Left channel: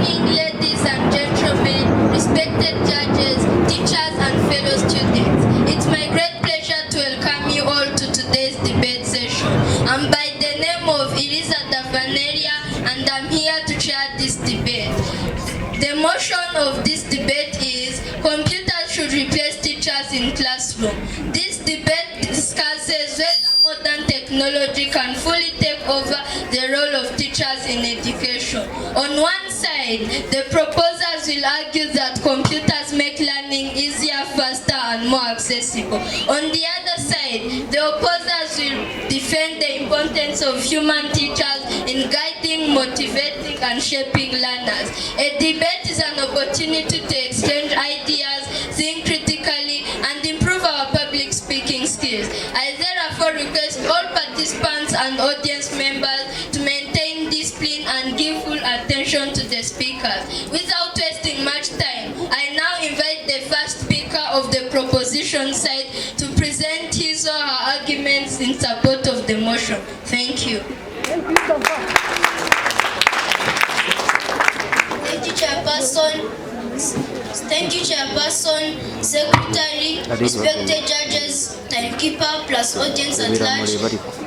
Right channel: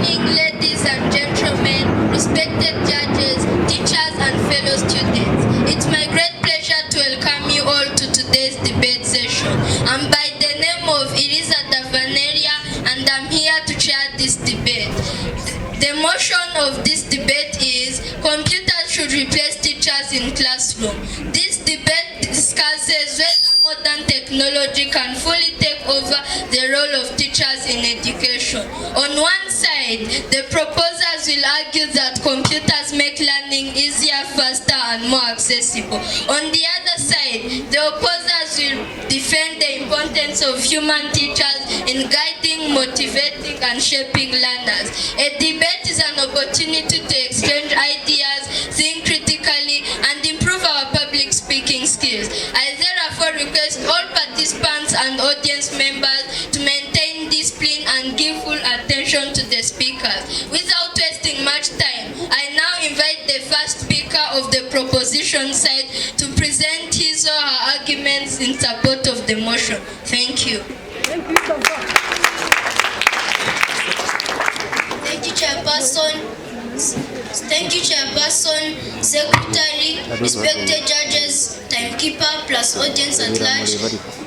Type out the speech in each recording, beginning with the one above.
morning, ladies and gentlemen, respected judges, teachers, and fellow students. It's my great pleasure to welcome you all to today's debate session. I'm by the name of Elisa Davaneria, and I'm here to chair this debate. The motion of this debate is computers should replace teachers in classroom. This debate discusses whether modern technology can fully take over the role of teachers in education. On one side, the proposers will argue that computers make learning easier, faster, and more accessible. On the other side, the opposers will defend the importance of human teachers in guiding, motivating, and shaping learners. A debate is an opportunity to exchange ideas, think critically, and improve our public speaking skills. I therefore request all participants and audience members to maintain discipline and give full attention to the speakers. Without wasting much time, I now invite the first speaker of the proposition side to present his or her arguments in support of the motion. Thank you. Thank you, Chairperson. Thank you, Chairperson, Secretary, respected judges, timekeeper, plus audience at large.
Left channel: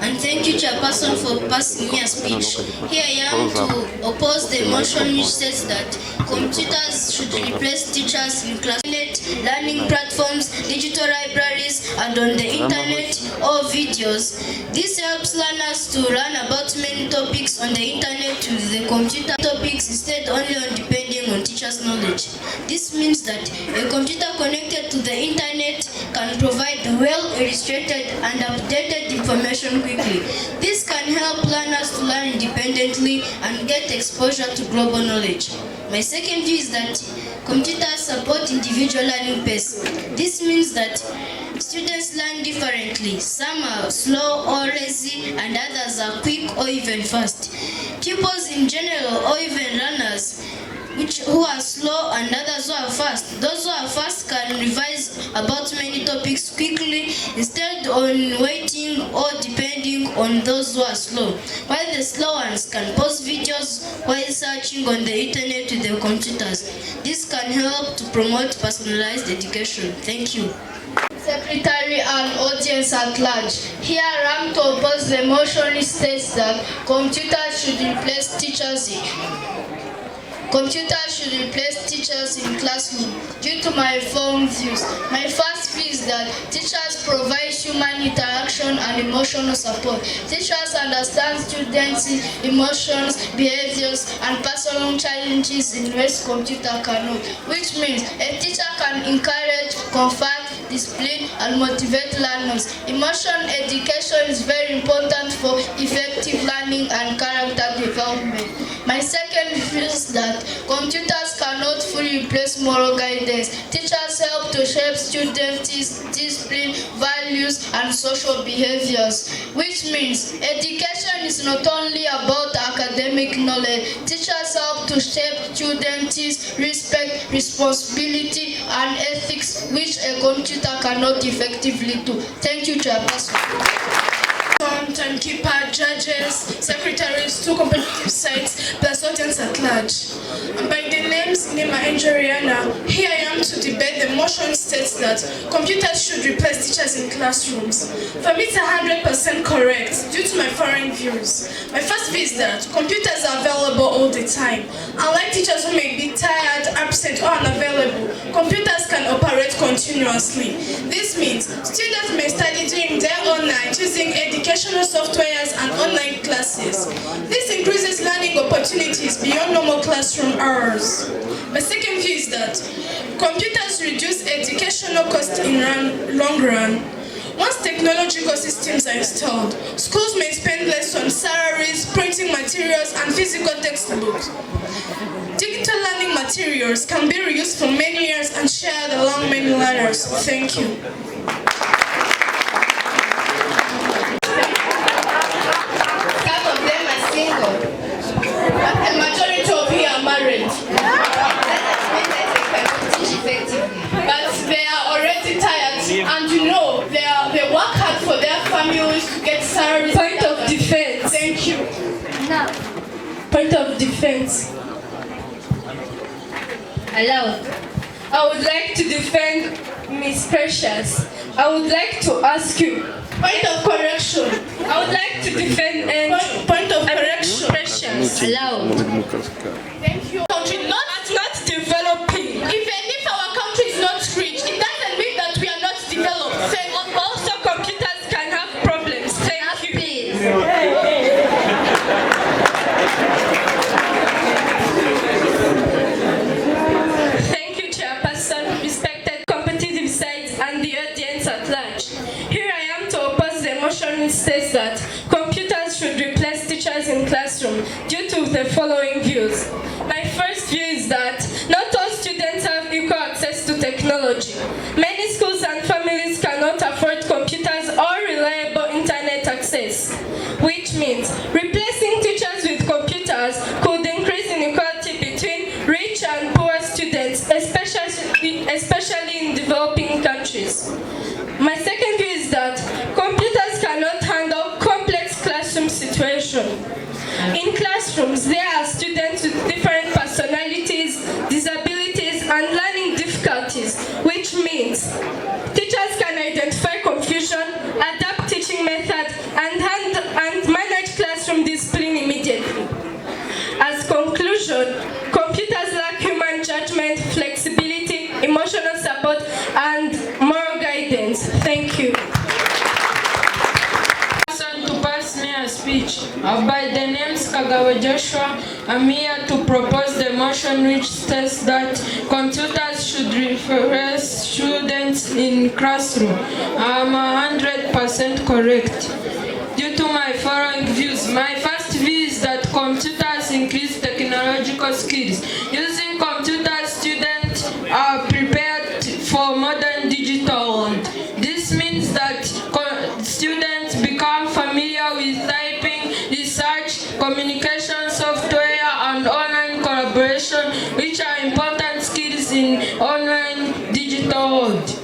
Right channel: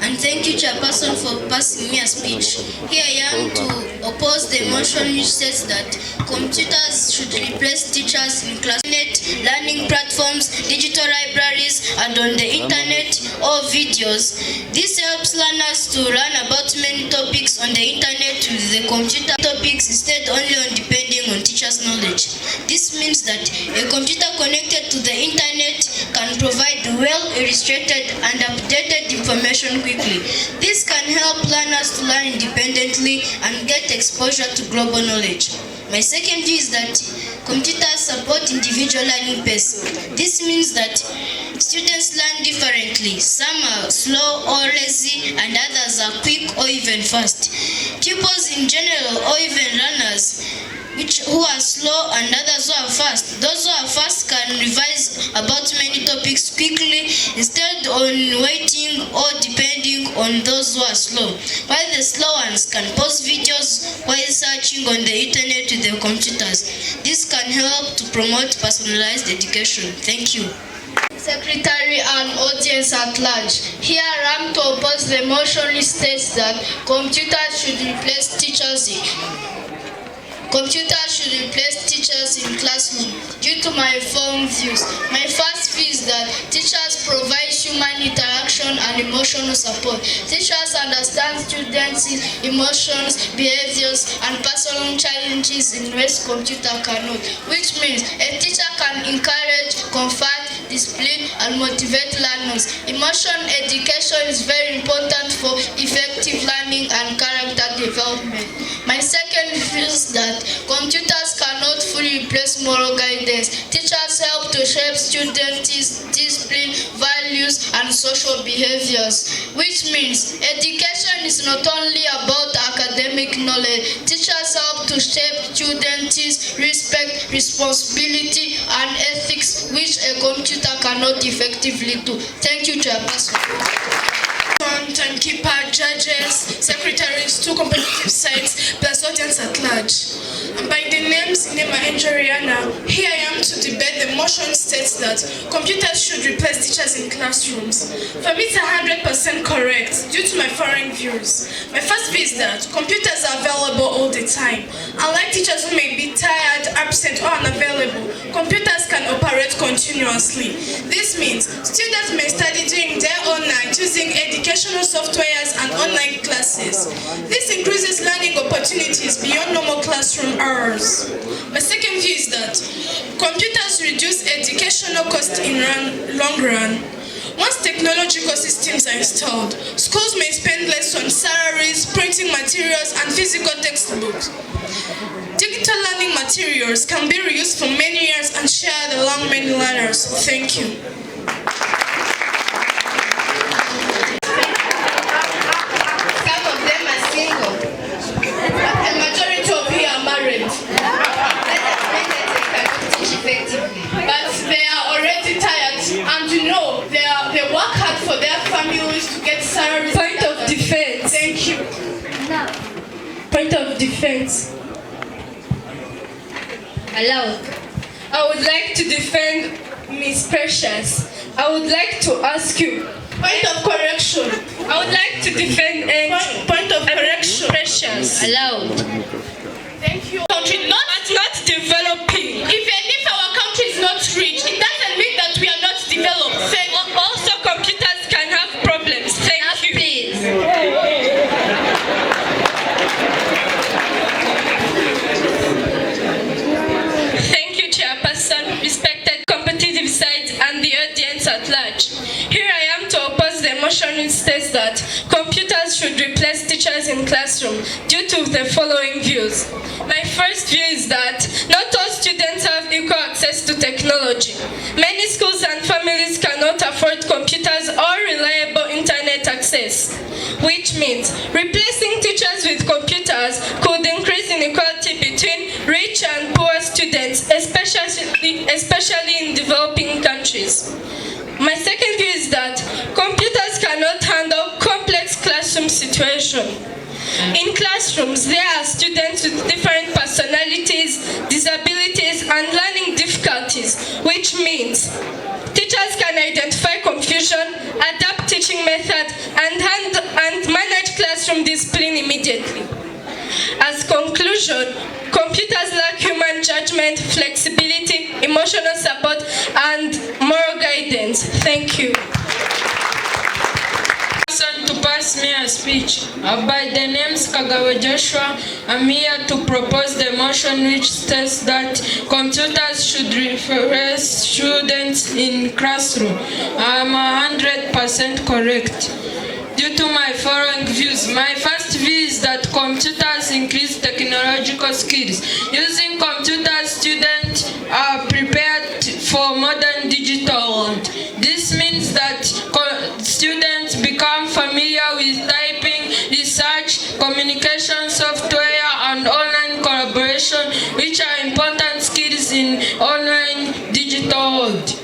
And thank you, Chairperson, for passing me a speech. Here I am to oppose the motion which says that computers should replace teachers in class, learning platforms, digital libraries, and on the internet or videos. This helps learners to learn about many topics on the internet with the computer topics instead only on depending on teachers' knowledge. This means that a computer connected to the internet can provide well-illustrated and updated information quickly. This can help learners to learn independently and get exposure to global knowledge. My second view is that computers support individual learning pace. This means that students learn differently. Some are slow or lazy, and others are quick or even fast. Pupils in general, or even learners who are slow and others who are fast. Those who are fast can revise about many topics quickly instead of waiting or depending on those who are slow. While the slow ones can pause videos while searching on the internet with their computers. This can help to promote personalized education. Thank you. Secretary and audience at large. Here I am to oppose the motion which states that computers should replace teachers in classroom. Due to my form views, my first view is that teachers provide human interaction and emotional support. Teachers understand students' emotions, behaviors, and personal challenges in ways computer cannot, which means a teacher can encourage, comfort, discipline, and motivate learners. Emotional education is very important for effective learning and character development. My second view is that computers cannot fully replace moral guidance. Teachers help to shape students' discipline, values, and social behaviors, which means education is not only about academic knowledge. Teachers help to shape students' respect, responsibility, and ethics, which a computer cannot effectively do. Thank you, Chairperson. Timekeeper, judges, secretaries, two competitive sides, plus audience at large. And by the names Nema and Joriana, here I am to debate the motion states that computers should replace teachers in classrooms. For me, it's 100% correct due to my foreign views. My first view is that computers are available all the time. Unlike teachers who may be tired, absent, or unavailable, computers can operate continuously. This means students may study during their own night using educational softwares and online classes. This increases learning opportunities beyond normal classroom hours. My second view is that computers reduce educational costs in long run. Once technological systems are installed, schools may spend less on salaries, printing materials, and physical textbooks. Digital learning materials can be reused for many years and shared along many learners. Thank you. Some of them are single, but a majority of you are married. That means that they cannot teach effectively. But they are already tired, and you know, they work hard for their families to get salaries. Point of defense. Thank you. Point of defense. Aloud. I would like to defend Miss Precious. I would like to ask you. Point of correction. I would like to defend point of correction. Precious. Aloud. Thank you. Country not developing. Even if our country is not rich, it doesn't mean that we are not developed. Also, computers can have problems. Thank you. Please. Thank you, Chairperson, respected competitive sides, and the audience at large. Here I am to oppose the motion which states that computers should replace teachers in classroom due to the following views. My first view is that not all students have equal access to technology. Many schools and families cannot afford computers or reliable internet access, which means replacing teachers with computers could increase inequality between rich and poor students, especially in developing countries. My second view is that computers cannot handle complex classroom situations. In classrooms, there are students with different personalities, disabilities, and learning difficulties, which means teachers can identify confusion, adapt teaching methods, and manage classroom discipline immediately. As conclusion, computers lack human judgment, flexibility, emotional support, and moral guidance. Thank you. To pass me a speech. By the names Kagawa Joshua, I'm here to propose the motion which states that computers should replace students in classroom. I'm 100% correct. Due to my following views, my first view is that computers increase technological skills. Using computers, students are prepared for modern digital world. This means that students become familiar with typing, research, communication software, and online collaboration, which are important skills in online digital world.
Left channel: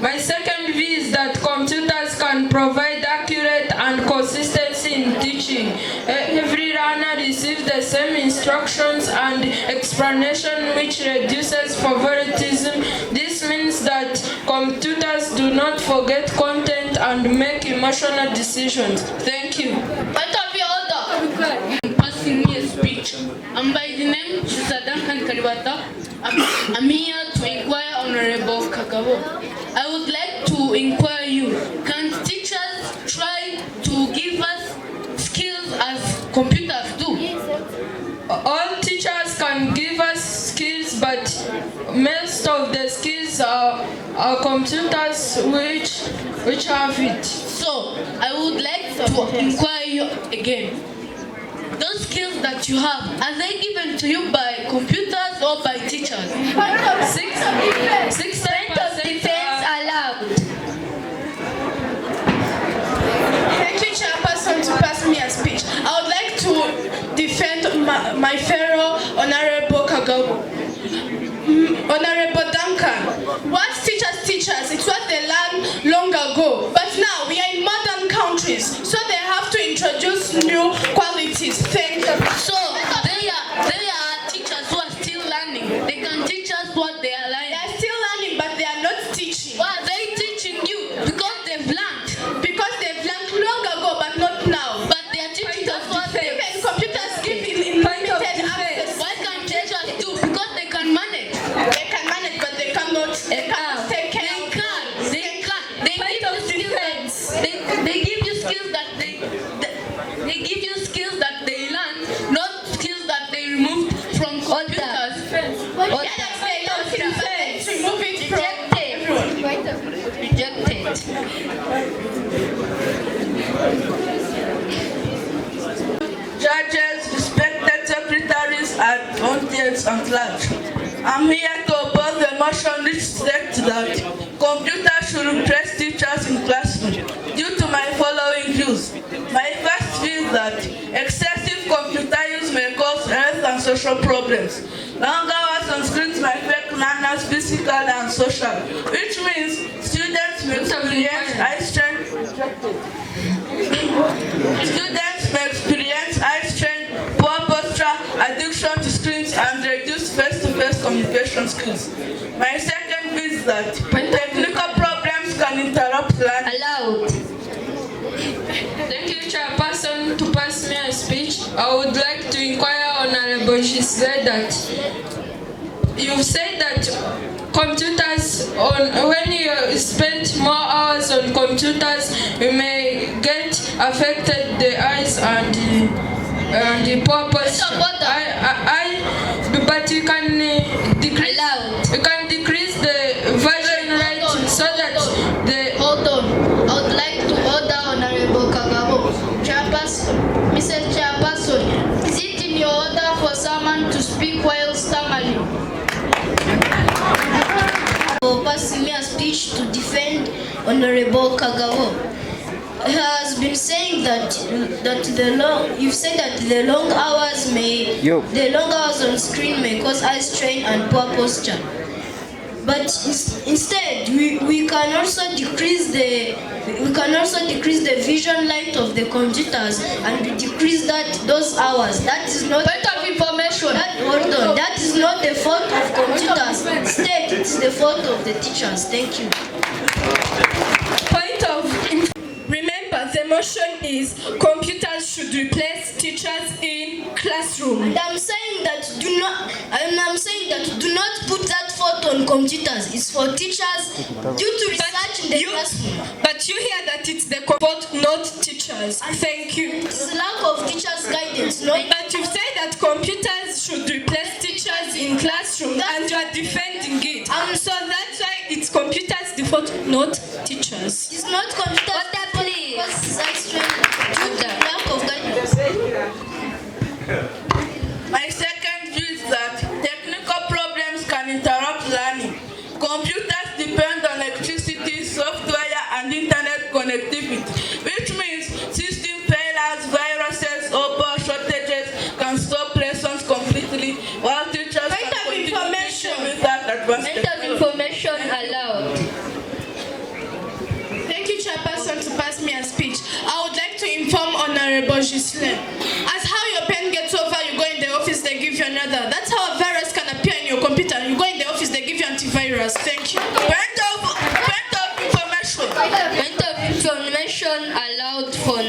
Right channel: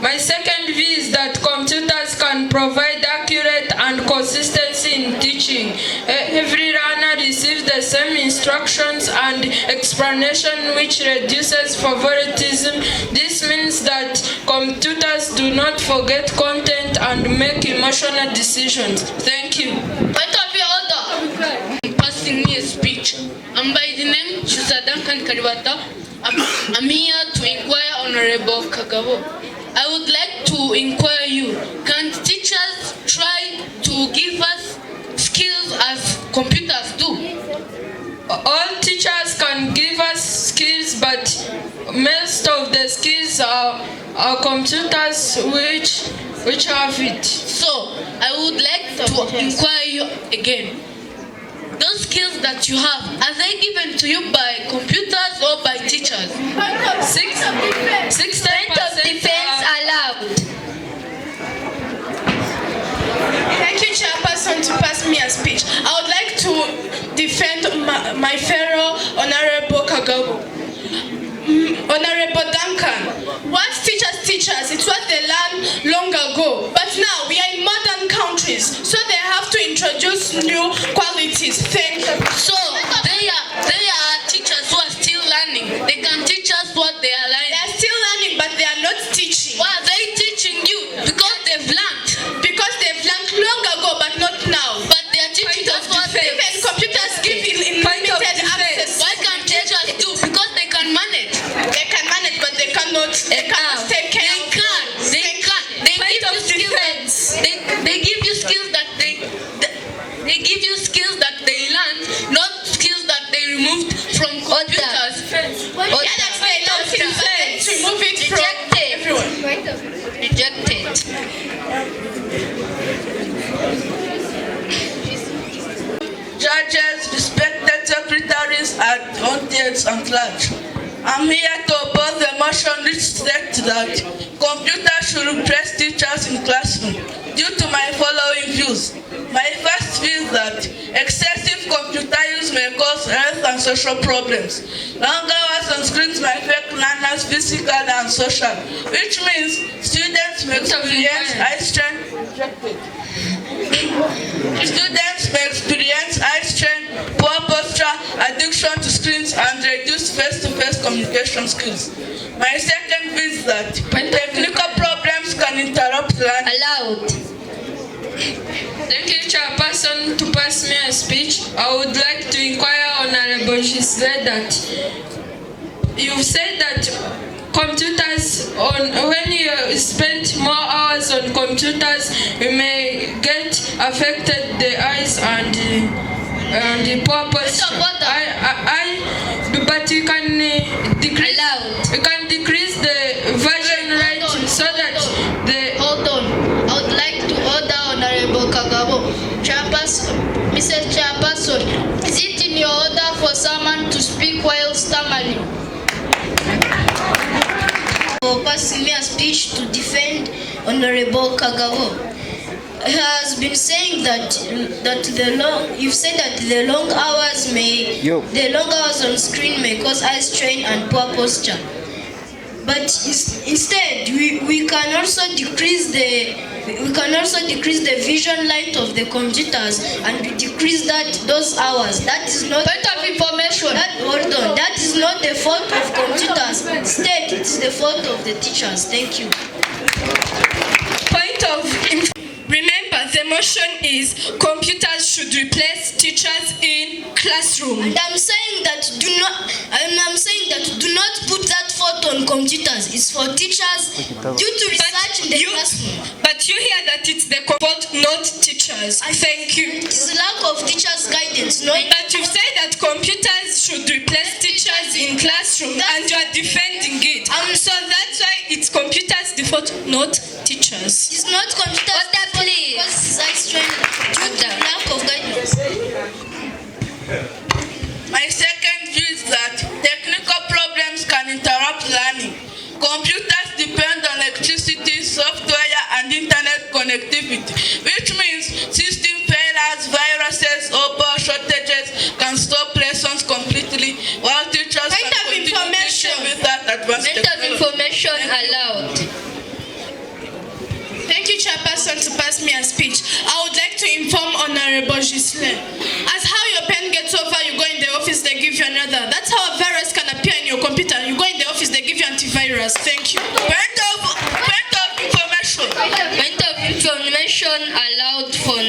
My second view is that computers can provide accurate and consistency in teaching. Every learner receives the same instructions and explanation, which reduces favoritism. This means that computers do not forget content and make emotional decisions. Thank you. Point of your order. Passing me a speech. I'm by the name Duncan Karibata. I'm here to inquire Honorable Kagabo. I would like to inquire you, can teachers try to give us skills as computers do? All teachers can give us skills, but most of the skills are computers which have it. So, I would like to inquire you again. Those skills that you have, are they given to you by computers or by teachers? 60% defense allowed. Thank you, Chairperson, to pass me a speech. I would like to defend my fellow Honorable Kagabo. Honorable Duncan, what teachers teach us, it's what they learned long ago. But now we are in modern countries, so they have to introduce new qualities. Thank you. So, they are teachers who are still learning. They can teach us what they are learning. They are still learning, but they are not teaching. Why are they teaching you? Because they've learned. Because they've learned long ago, but not now. But they are teaching us what they Even computers give limited access. Why can't teachers do? Because they can manage. They can manage, but they cannot take care of it. They give you skills. They give you skills that they give you skills that they learned, not skills that they removed from computers. Remove it from everyone. Rejected. Judges, respected secretaries, and audience at large. I'm here to oppose the motion which states that computers should replace teachers in classroom due to my following views. My first view is that excessive computer use may cause health and social problems. Long hours on screens may affect learners physically and social, which means students may experience eye strain. Students may experience eye strain, poor posture, addiction to screens, and reduce face-to-face communication skills. My second view is that technical problems can interrupt learning. Allowed. Thank you, Chairperson, to pass me a speech. I would like to inquire Honorable Shisle that you've said that computers, when you spend more hours on computers, you may get affected the eyes and the poor posture. But you can decrease the version rate so that the... Hold on. I would like to order Honorable Kagabo. Mr. Chairperson, is it in your order for someone to speak while stammering? For passing me a speech to defend Honorable Kagabo. He has been saying that you've said that the long hours on screen may cause eye strain and poor posture. But instead, we can also decrease the vision light of the computers and we decrease those hours. That is not point of information. That is not the fault of computers. Instead, it is the fault of the teachers. Thank you. Point of information. Remember, the motion is computers should replace teachers in classroom. And I'm saying that do not put that fault on computers. It's for teachers due to research in the classroom. But you hear that it's the fault, not teachers. Thank you. It's lack of teachers' guidance. But you say that computers should replace teachers in classroom and you are defending it. So that's why it's computers' default, not teachers. It's not computers' because it's due to lack of guidance. My second view is that technical problems can interrupt learning. Computers depend on electricity, software, and internet connectivity, which means system failures, viruses, or power shortages can stop lessons completely, while teachers can continue teaching without advanced technology. Information allowed. Thank you, Chairperson, to pass me a speech. I would like to inform Honorable Gisle. As how your pen gets over, you go in the office, they give you another. That's how a virus can appear in your computer. You go in the office, they give you antivirus. Thank you. Point of information. Point of information allowed for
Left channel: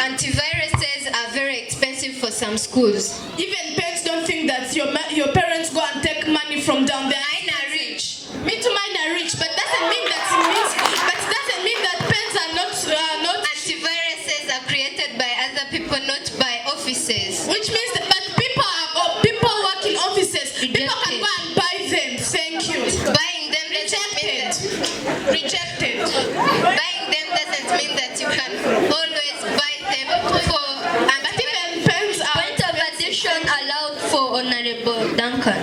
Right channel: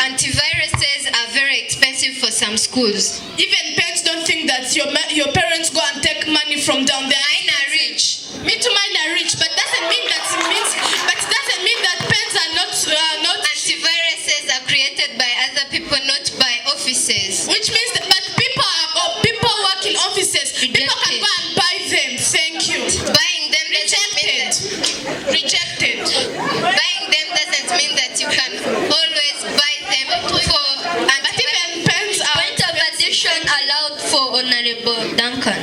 antiviruses are very expensive for some schools. Even parents don't think that your parents go and take money from down there. Mine are rich. Me too, mine are rich, but doesn't mean that parents are not. Antiviruses are created by other people, not by offices. Which means that people work in offices. Rejected. People can go and buy them. Thank you. Buying them Rejected. Buying them doesn't mean that you can always buy them for. But even parents are. Point of addition allowed for Honorable Duncan.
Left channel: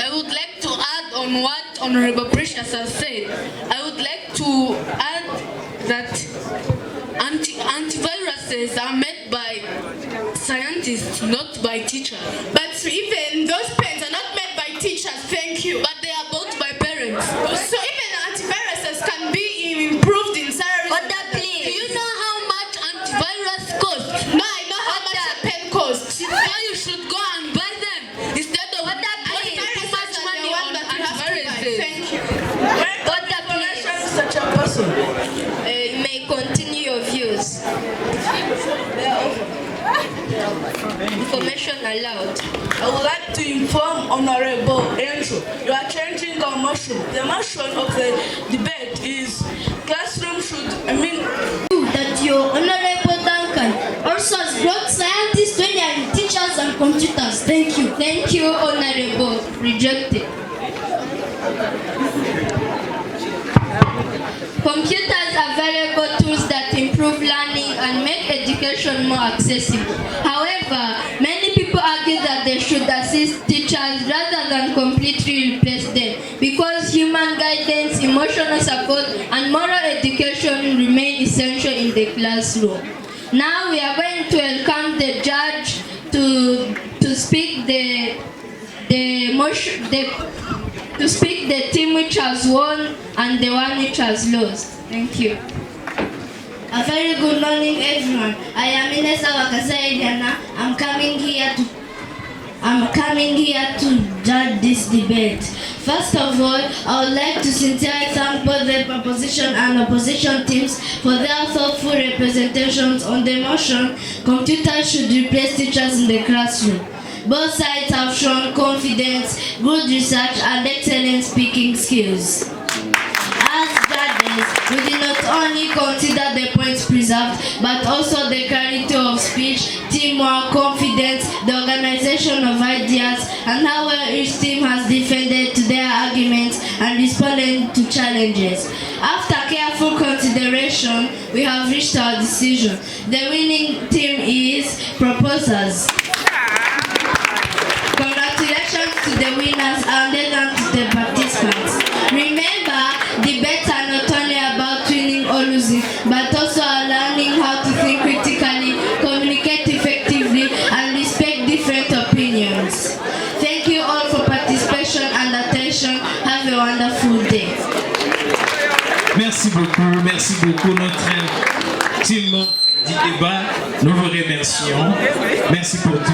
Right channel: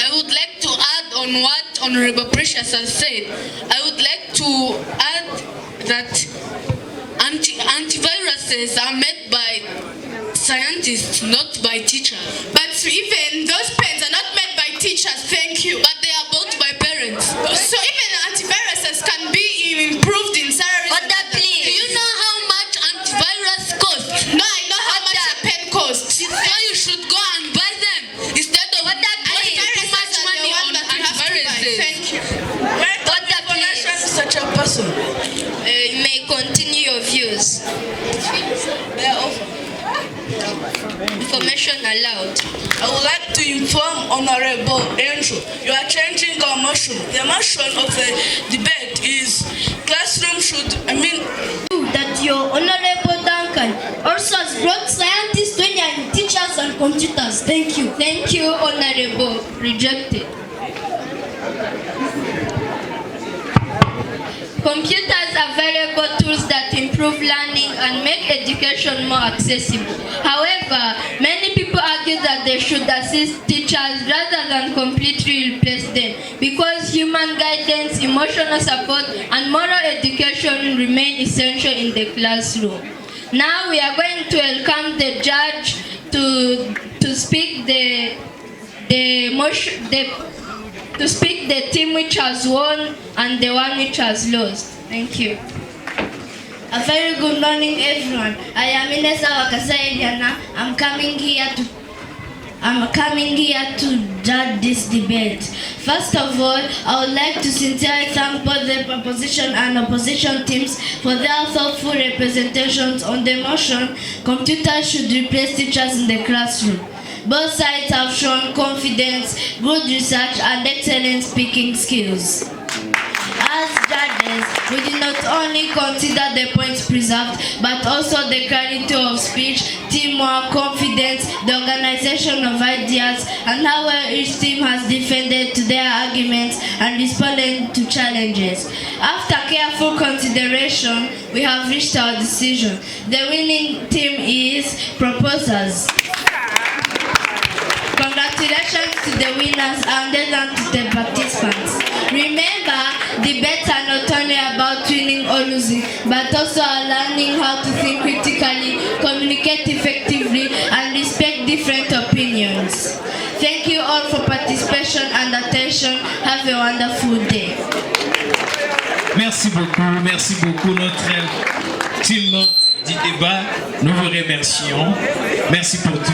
I would like to add on what Honorable Precious has said. I would like to add that antiviruses are made by scientists, not by teachers. But even those pens are not made by teachers. Thank you. But they are bought by parents. So even antiviruses can be improved in salaries. What that please? Do you know how much antivirus costs? No, I know how much a pen costs. So you should go and buy them instead of wasting too much money on antiviruses. Thank you. What that please? Mr. Chairperson. You may continue your views. Information allowed. I would like to inform Honorable Andrew, you are changing our motion. The motion of the debate is classroom should, That your Honorable Duncan also has brought scientists when you are in teachers and computers. Thank you. Thank you, Honorable. Rejected. Computers are valuable tools that improve learning and make education more accessible. However, many people argue that they should assist teachers rather than completely replace them because human guidance, emotional support, and moral education remain essential in the classroom. Now we are going to welcome the judge to speak the team which has won and the one which has lost. Thank you. I A very good morning, everyone. I am Inesa Wakasaidiana. I'm coming here to judge this debate. First of all, I would like to sincerely thank both the proposition and opposition teams for their thoughtful representations on the motion, computers should replace teachers in the classroom. Both sides have shown confidence, good research, and excellent speaking skills. As judges, we did not only consider the points preserved, but also the clarity of speech, teamwork, confidence, the organization of ideas, and how well each team has defended to their arguments and responded to challenges. After careful consideration, we have reached our decision. The winning team is proposers. Congratulations to the winners and then to the participants. Remember, debates are not only about winning or losing, but also learning how to think critically, communicate effectively, and respect different opinions. Thank you all for participation and attention. Have a wonderful day. Merci beaucoup notre team du débat. Nous vous remercions. Merci pour tout.